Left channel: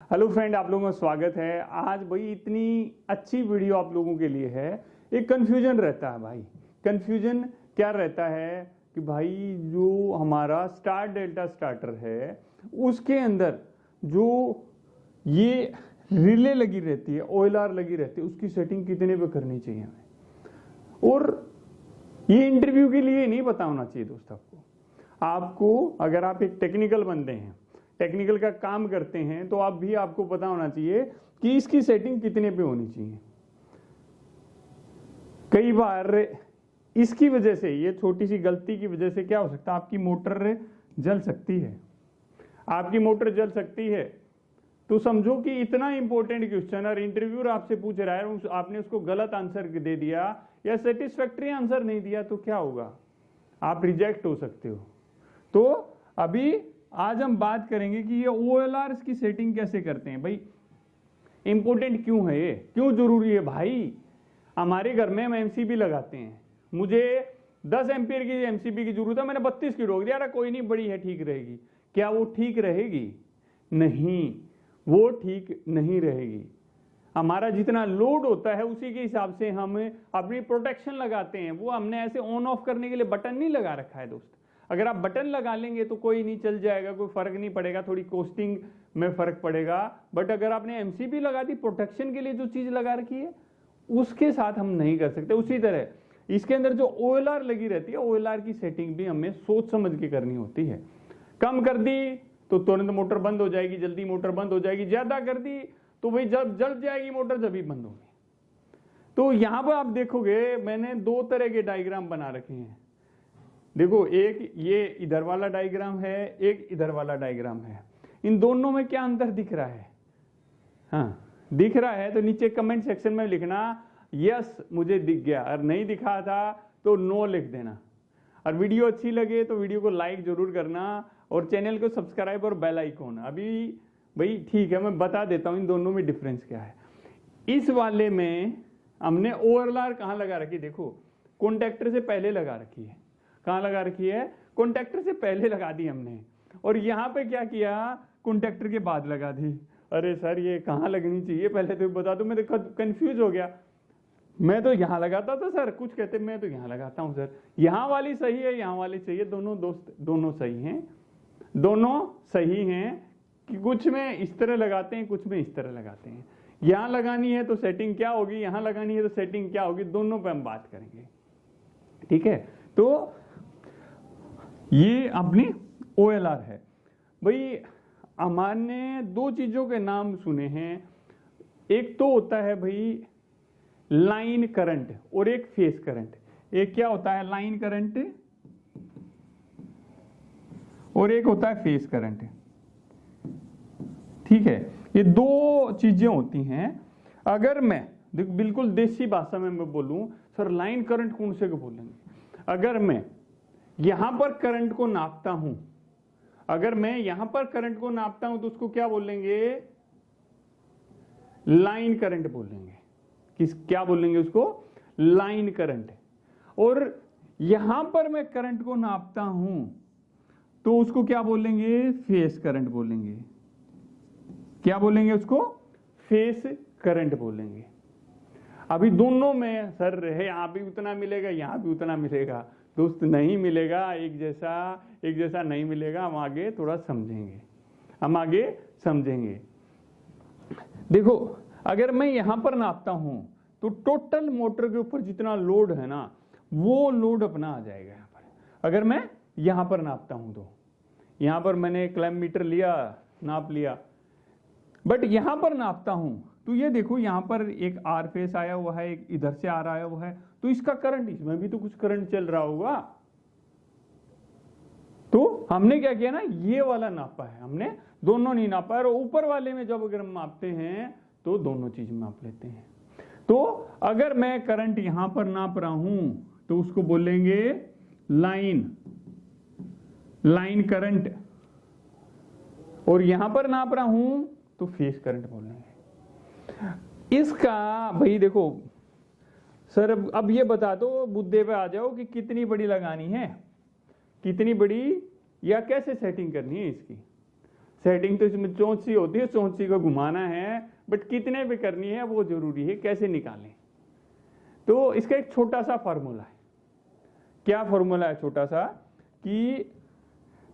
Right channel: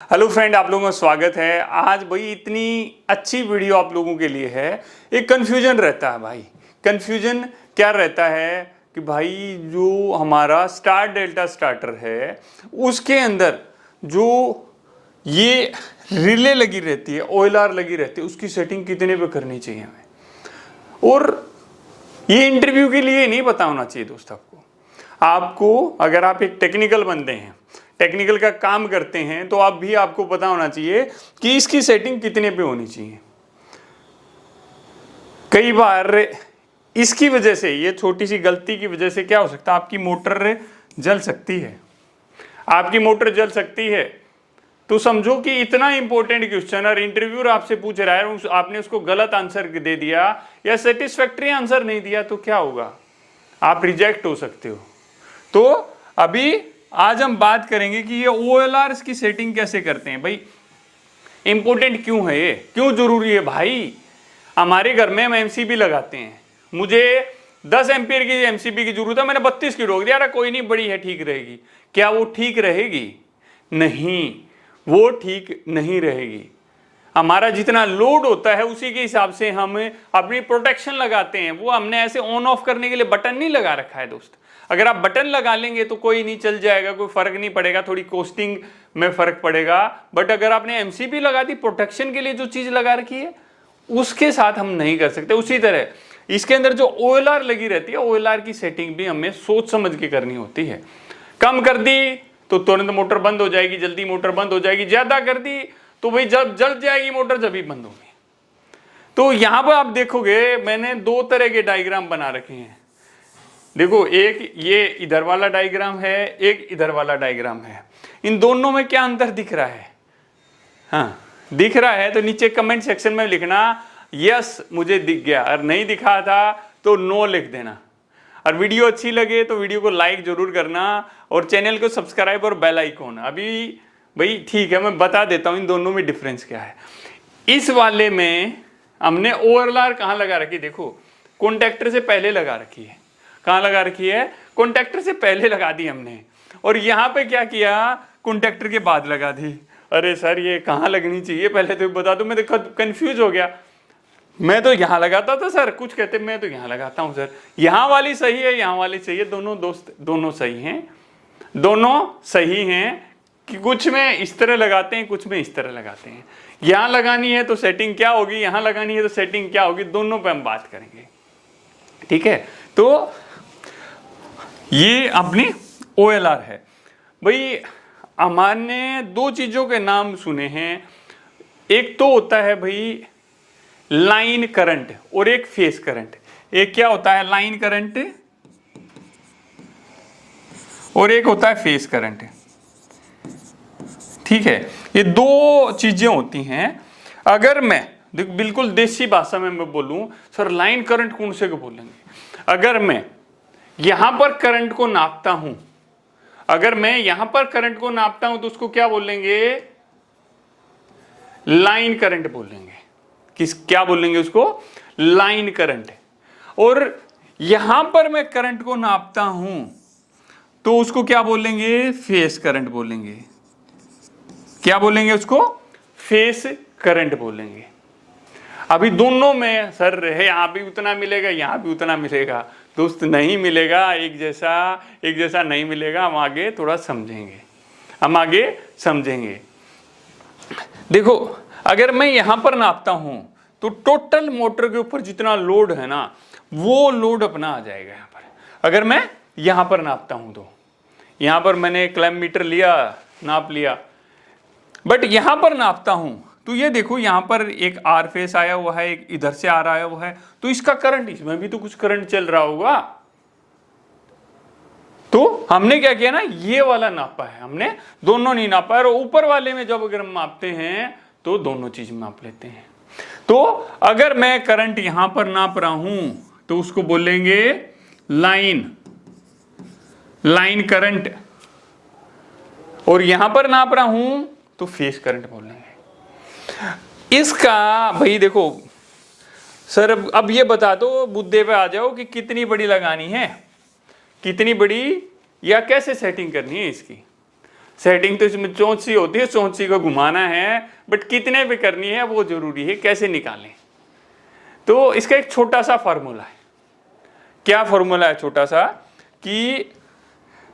Hello friend, आप लोगों का स्वागत है। आज भाई इतनी अच्छी वीडियो आप लोगों के लिए है। एक कन्फ्यूजन रहता है भाई। कन्फ्यूजन क्या रहता है कि भाई जो हमारा स्टार डेल्टा स्टार्टर है उसके अंदर जो ये रिले लगी रहती है, OLR लगी रहती है, उसकी सेटिंग कितने पे करनी चाहिए हमें। और ये इंटरव्यू के लिए नहीं पता होना चाहिए दोस्त। आपको अगर आप एक टेक्निकल बंदे हैं, टेक्निकल का काम करते हैं, तो आपको पता होना चाहिए कि इसकी सेटिंग कितने पे होनी चाहिए। कई बार इसकी वजह से, ये छोटी सी गलती की वजह से क्या हो सकता है, आपकी मोटर जल सकती है। आपकी मोटर जल सकती है तो समझो कि इतना इंपॉर्टेंट क्वेश्चन और इंटरव्यूअर आपसे पूछ रहा है, आपने उसको गलत आंसर दे दिया या सेटिस्फैक्ट्री आंसर नहीं दिया तो क्या होगा, आप रिजेक्ट हो सकते हो। तो अभी आज हम बात करेंगे कि ये OLR की सेटिंग कैसे करते हैं। भाई इंपॉर्टेंट क्यों है, ये क्यों जरूरी है भाई। हमारे घर में हम MCB लगाते हैं, मुझे 10 एम्पियर की MCB की जरूरत है, मैंने 32 की रोक दिया, कोई नहीं, बड़ी है, ठीक रहेगी। क्या वो ठीक रहेगी? नहीं, वो ठीक नहीं रहेगी। हमारा जितना लोड होता है उसी के हिसाब से हम अपनी प्रोटेक्शन लगाते हैं। वो हमने ऐसे ऑन ऑफ करने के लिए बटन नहीं लगा रखा है दोस्त। अगर आप बटन लगा लेंगे तो कोई नहीं, चल जाएगा, कोई फर्क नहीं पड़ेगा, थोड़ी कॉस्टिंग में फर्क पड़ेगा। बट अगर आपने MCB लगा दी, प्रोटेक्शन के लिए जो चीज लगा रखी है, उसके साथ हम नहीं कर सकते। उसी तरह इसके अंदर जो OLR लगी रहती है, OLR की सेटिंग भी हमें सोच समझ के करनी होती है। कम कर दी तो तुरंत मोटर बंद हो जाएगी, जल्दी मोटर बंद हो जाएगी। ज्यादा कर दी तो भाई जब जल जाएगी मोटर, जब ही बंद होगी। तो यहां पर आप देखोगे मैंने दो तरह के डायग्राम बना रखे हैं। देखो, एक ये इधर वाला डायग्राम है, एक इधर वाला डायग्राम है। इन दोनों में क्या अंतर दिख रहा है? हाँ, दिख रहा है तो नीचे कमेंट सेक्शन में लिखना यस मुझे दिख गया, और नहीं दिखा था तो नो लिख देना। और वीडियो अच्छी लगे तो वीडियो को लाइक जरूर करना और चैनल को सब्सक्राइब और बेल आइकॉन। अभी भाई ठीक है, मैं बता देता हूं इन दोनों में डिफरेंस क्या है। इस वाले में हमने OLR कहां लगा रखी, देखो कॉन्टेक्टर से पहले लगा रखी है। कहां लगा रखी है? कॉन्टेक्टर से पहले लगा दी हमने। और यहां पे क्या किया, कॉन्टेक्टर के बाद लगा दी। अरे सर ये कहां लगनी चाहिए पहले तो बता दो, मैं तो कंफ्यूज हो गया। मैं तो यहां लगाता था सर, कुछ कहते मैं तो यहां लगाता हूं सर। यहां वाली सही है, यहां वाली सही है, दोनों दोस्त दोनों सही हैं, दोनों सही हैं। कि कुछ में इस तरह लगाते हैं, कुछ में इस तरह लगाते हैं। यहां लगानी है तो सेटिंग क्या होगी, यहां लगानी है तो सेटिंग क्या होगी, दोनों पे हम बात करेंगे। ठीक है, तो ये अपनी OLR है। भाई हमारे दो चीजों के नाम सुने हैं। एक तो होता है भाई लाइन करंट और एक फेस करंट। एक क्या होता है, लाइन करंट, और एक होता है फेस करंट। ठीक है, ये दो चीजें होती हैं। अगर मैं बिल्कुल देसी भाषा में मैं बोलूं, सर लाइन करंट कौन से को बोलेंगे? अगर मैं यहां पर करंट को नापता हूं, अगर मैं यहां पर करंट को नापता हूं तो उसको क्या बोलेंगे? लाइन करंट बोलेंगे। क्या बोलेंगे उसको? Line current. और यहां पर मैं करंट को नापता हूं तो उसको क्या बोलेंगे? फेस करंट बोलेंगे। क्या बोलेंगे उसको? फेस करंट बोलेंगे। अभी दोनों में सर है, यहां भी उतना मिलेगा, यहां भी उतना मिलेगा। दोस्त नहीं मिलेगा, एक जैसा नहीं मिलेगा। हम आगे थोड़ा समझेंगे, हम आगे समझेंगे। देखो, अगर मैं यहां पर नापता हूं तो टोटल मोटर के ऊपर जितना लोड है ना, वो लोड अपना आ जाएगा यहां पर। अगर मैं यहां पर नापता हूं तो यहां पर मैंने क्लैम्प मीटर लिया, नाप लिया। बट यहां पर नापता हूं तो ये देखो, यहां पर एक R फेस आया हुआ है, एक इधर से आ रहा हुआ है, तो इसका करंट, इसमें भी तो कुछ करंट चल रहा होगा। तो हमने क्या किया ना, ये वाला नापा है, हमने दोनों नहीं नापा है। और ऊपर वाले में जब अगर हम मापते हैं तो दोनों चीज माप लेते हैं। तो अगर मैं करंट यहां पर नाप रहा हूं तो उसको बोलेंगे लाइन करंट, और यहां पर नाप रहा हूं तो फेस करंट बोलेंगे। इसका भाई देखो सर, अब ये बता दो, मुद्दे पे आ जाओ कि कितनी बड़ी लगानी है, कितनी बड़ी, या कैसे सेटिंग करनी है इसकी। सेटिंग तो इसमें चोंच सी होती है, चोंच सी को घुमाना है, बट कितने पे करनी है वो जरूरी है, कैसे निकालें। तो इसका एक छोटा सा फॉर्मूला है। क्या फॉर्मूला है छोटा सा, कि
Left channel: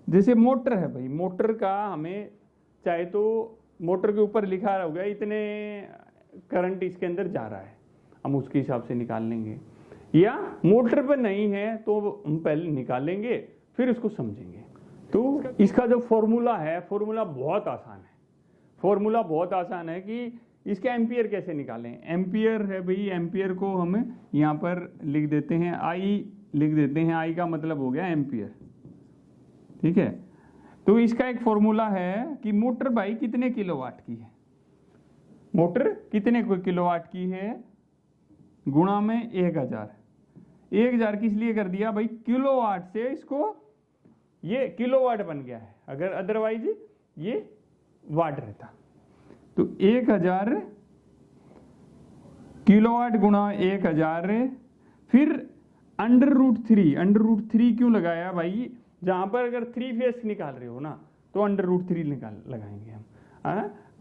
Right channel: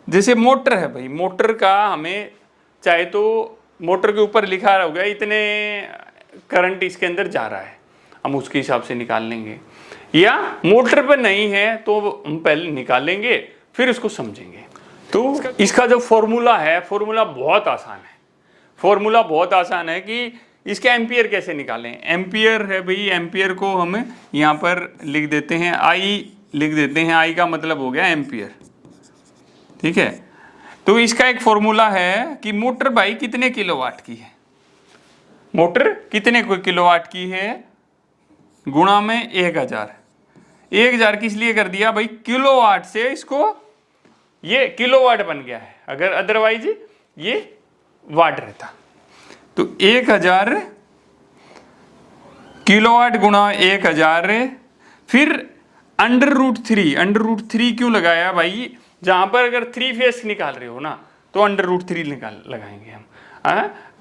जैसे मोटर है भाई, मोटर का हमें चाहे तो मोटर के ऊपर लिखा होगा इतने करंट इसके अंदर जा रहा है, हम उसके हिसाब से निकाल लेंगे, या मोटर पर नहीं है तो हम पहले निकालेंगे फिर उसको समझेंगे। तो इसका जो फॉर्मूला है, फॉर्मूला बहुत आसान है। फॉर्मूला बहुत आसान है कि इसके एम्पियर कैसे निकालें। एम्पियर है भाई, एम्पियर को हम यहाँ पर लिख देते हैं, आई लिख देते हैं, आई का मतलब हो गया एम्पियर, ठीक है। तो इसका एक फॉर्मूला है कि मोटर भाई कितने किलोवाट की है, मोटर कितने किलोवाट की है गुणा में 1000। 1000 किस लिए कर दिया भाई, किलोवाट से इसको ये किलोवाट बन गया है, अगर अदरवाइज ये वाट रहता। तो 1000 किलोवाट गुणा 1000, फिर √3। √3 क्यों लगाया भाई, जहां पर अगर 3 फेस निकाल रहे हो ना तो √3 लगाएंगे हम,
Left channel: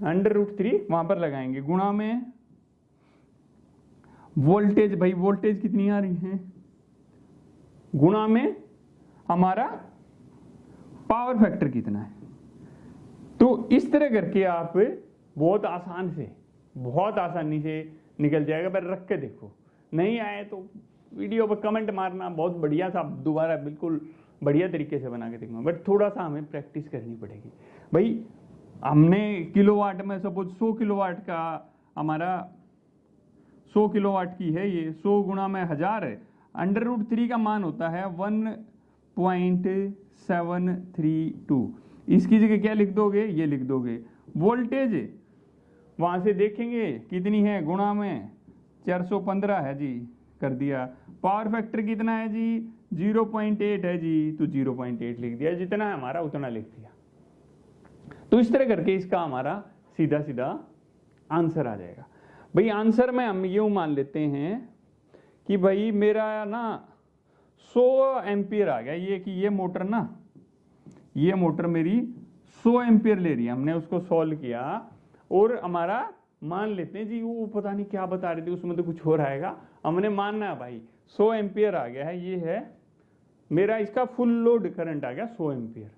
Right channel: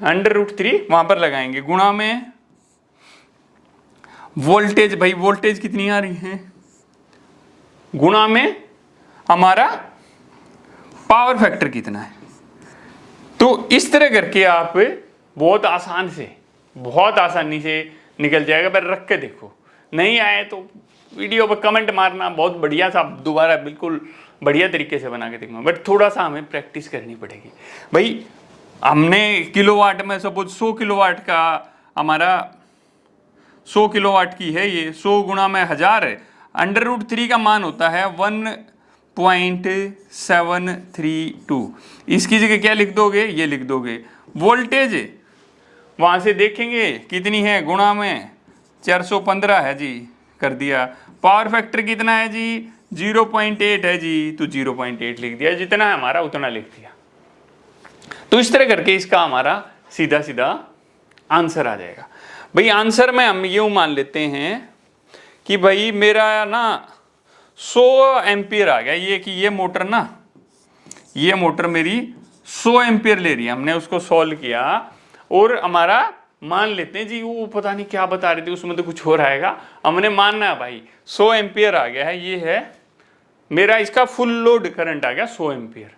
√3 वहां पर लगाएंगे, गुणा में वोल्टेज, भाई वोल्टेज कितनी आ रही है, गुणा में हमारा पावर फैक्टर कितना है। तो इस तरह करके आप बहुत आसान से, बहुत आसानी से निकल जाएगा। पर रख के देखो, नहीं आए तो वीडियो पर कमेंट मारना, बहुत बढ़िया सा दोबारा बिल्कुल बढ़िया तरीके से बना के देखूंगा, बट थोड़ा सा हमें प्रैक्टिस करनी पड़ेगी भाई। हमने किलोवाट में सपोज 100 किलोवाट का हमारा 100 किलोवाट की है ये, 100 गुणा में 1000 है, √3 का मान होता है 1.732। इसकी जगह क्या लिख दोगे, ये लिख दोगे। वोल्टेज वहां से देखेंगे कितनी है, गुणा में 415 है जी, कर दिया। पावर फैक्टर कितना है जी, 0.8 है जी, तो 0.8 लिख दिया, जितना है हमारा उतना लिख दिया। तो इस तरह करके इसका हमारा सीधा सीधा आंसर आ जाएगा। भाई आंसर में हम यूं मान लेते हैं कि भाई मेरा ना 100 एम्पियर आ गया, ये कि ये मोटर ना, ये मोटर मेरी 100 एम्पियर ले रही है, हमने उसको सॉल्व किया और हमारा मान लेते हैं जी, वो पता नहीं क्या बता रही थी उसमें तो कुछ हो रहेगा, हमने मानना है भाई 100 एम्पियर आ गया है, ये है मेरा, इसका फुल लोड करंट आ गया 100 एम्पियर।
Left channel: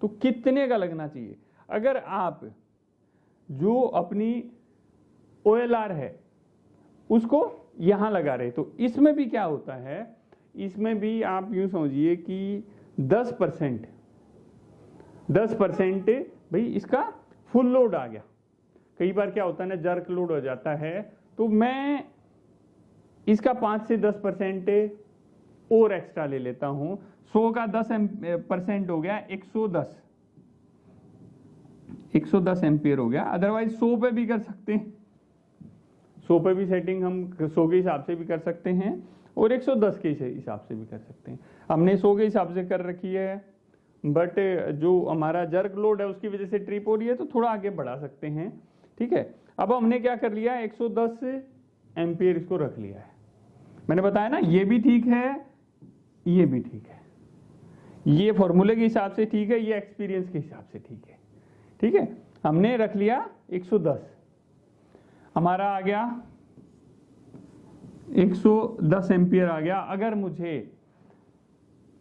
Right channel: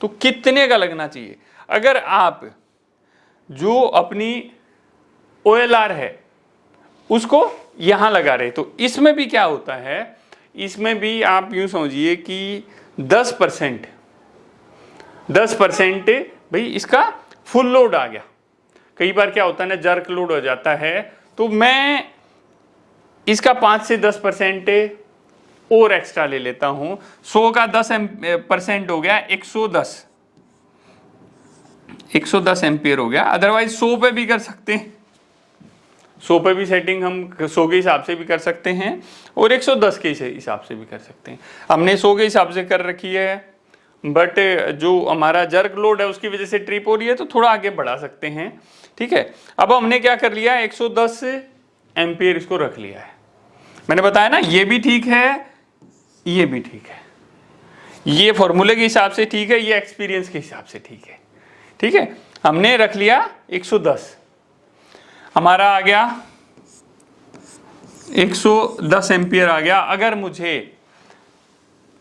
तो कितने का लगना चाहिए, अगर आप जो अपनी OLR है उसको यहां लगा रहे, तो इसमें भी क्या होता है, इसमें भी आप यूं समझिए कि 10% भाई इसका फुल लोड आ गया। कई बार क्या होता है ना, जर्क लोड हो जाता है, तो मैं इसका 5 से 10% और एक्स्ट्रा ले लेता हूं। 100 का 10% हो गया 110 एम्पियर हो गया। अदरवाइज 100 पे भी कर सकते हैं, 100 पे भी सेटिंग हम 100 के हिसाब से भी कर सकते हैं और 110 के हिसाब से भी कर सकते हैं। हमने 100 के हिसाब से कर रखी है, बट जो हमारा जर्क लोड है उसकी वजह से ट्रिप हो रही है, तो थोड़ा आगे बढ़ा सकते हैं, ठीक है। अब हमने क्या कर लिया, 110 एम्पियर इसको रख लिया है। मैंने बताया ना, ये भी ठीक है, ये भी ठीक है, ये फॉर्मूले के हिसाब से ठीक है, ये एक्सपीरियंस के हिसाब से ठीक है, ठीक है। हमने रख लिया 110, हमारा आ गया 110 एम्पियर आ गया। अगर मुझे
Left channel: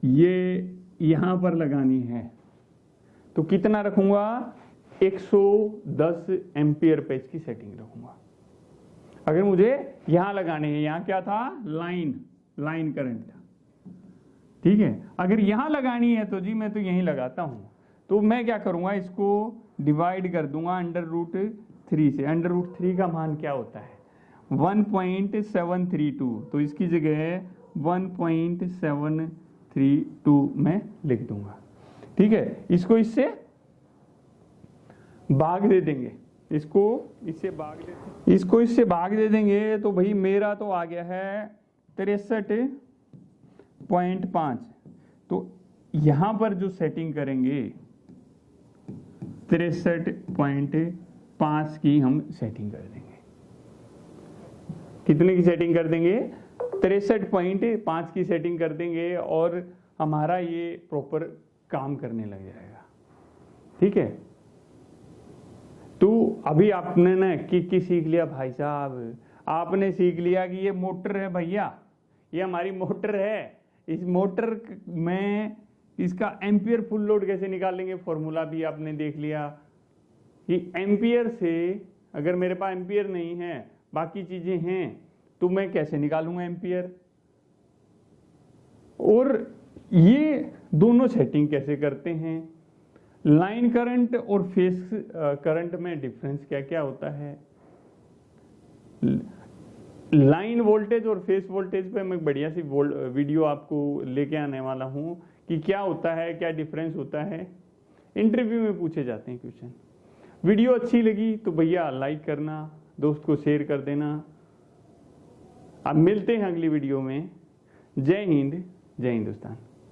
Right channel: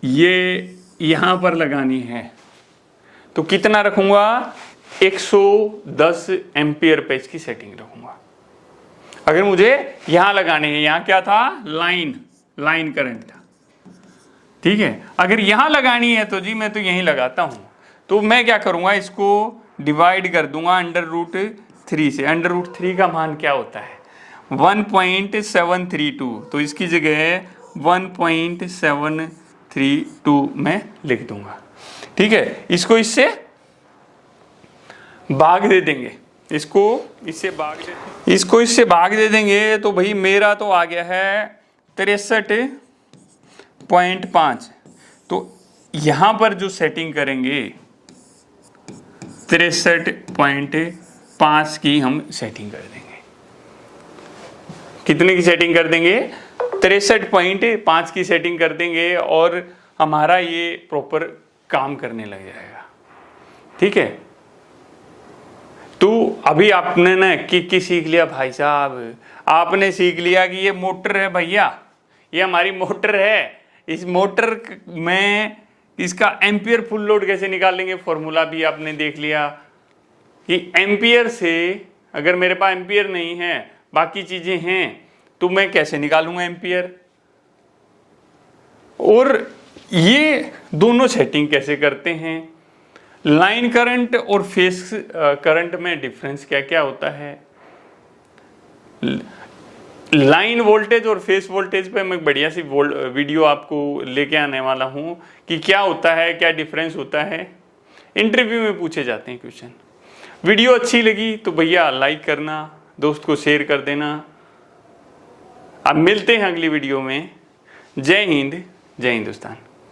ये यहां पर लगानी है तो कितना रखूंगा, 110 एम्पियर पे इसकी सेटिंग रखूंगा। अगर मुझे यहां लगानी है, यहां क्या था, लाइन करंट था, ठीक है। अगर यहां लगानी है तो जी मैं तो यहीं लगाता हूं, तो मैं क्या करूंगा, इसको डिवाइड कर दूंगा √3 से। √3 का मान क्या होता है, 1.732, तो इसकी जगह 1.732 में लिख दूंगा, ठीक है। इसको इससे भाग दे देंगे, इसको इससे भाग दे देंगे, तो भाई मेरा तो आ गया है 63.5। तो यहां पर जो सेटिंग करेंगे 63.5 की हम सेटिंग कर देंगे। कितने की सेटिंग कर देंगे, 63.5 की सेटिंग कर देंगे और हमारा ये प्रॉपर काम करने लग जाएगा, ठीक है। तो अभी आपने ना की सीख लिया भाई साहब, आपने सीख लिया कि ये मोटर है भैया, ये हमारी मोटर है, इस मोटर में इसका एम्पियर फुल लोड कैसे निकालेंगे, फॉर्मूला भी आपने देख लिया कि एम्पियर से अगर मेरे पास एम्पियर नहीं है बाकी चीजें हैं तो मैं कैसे निकालूंगा एम्पियर। और ये दोनों सेटिंग कैसे करते हैं, लाइन करंट और फेस करंट में डिफरेंस क्या क्या होता है, लाइन वोल्टेज और फेस वोल्टेज पे मैं बढ़िया सी वीडियो आपको लेके आने वाला हूँ कि क्या होता है, क्या डिफरेंस होता है, इंटरव्यू में पूछे जाते हैं क्वेश्चन। वीडियो अच्छी लगी तो भैया लाइक करना, दोस्त को शेयर कर देना। अब मिलते हैं अगली वीडियो में। जय हिंद, जय हिंदुस्तान।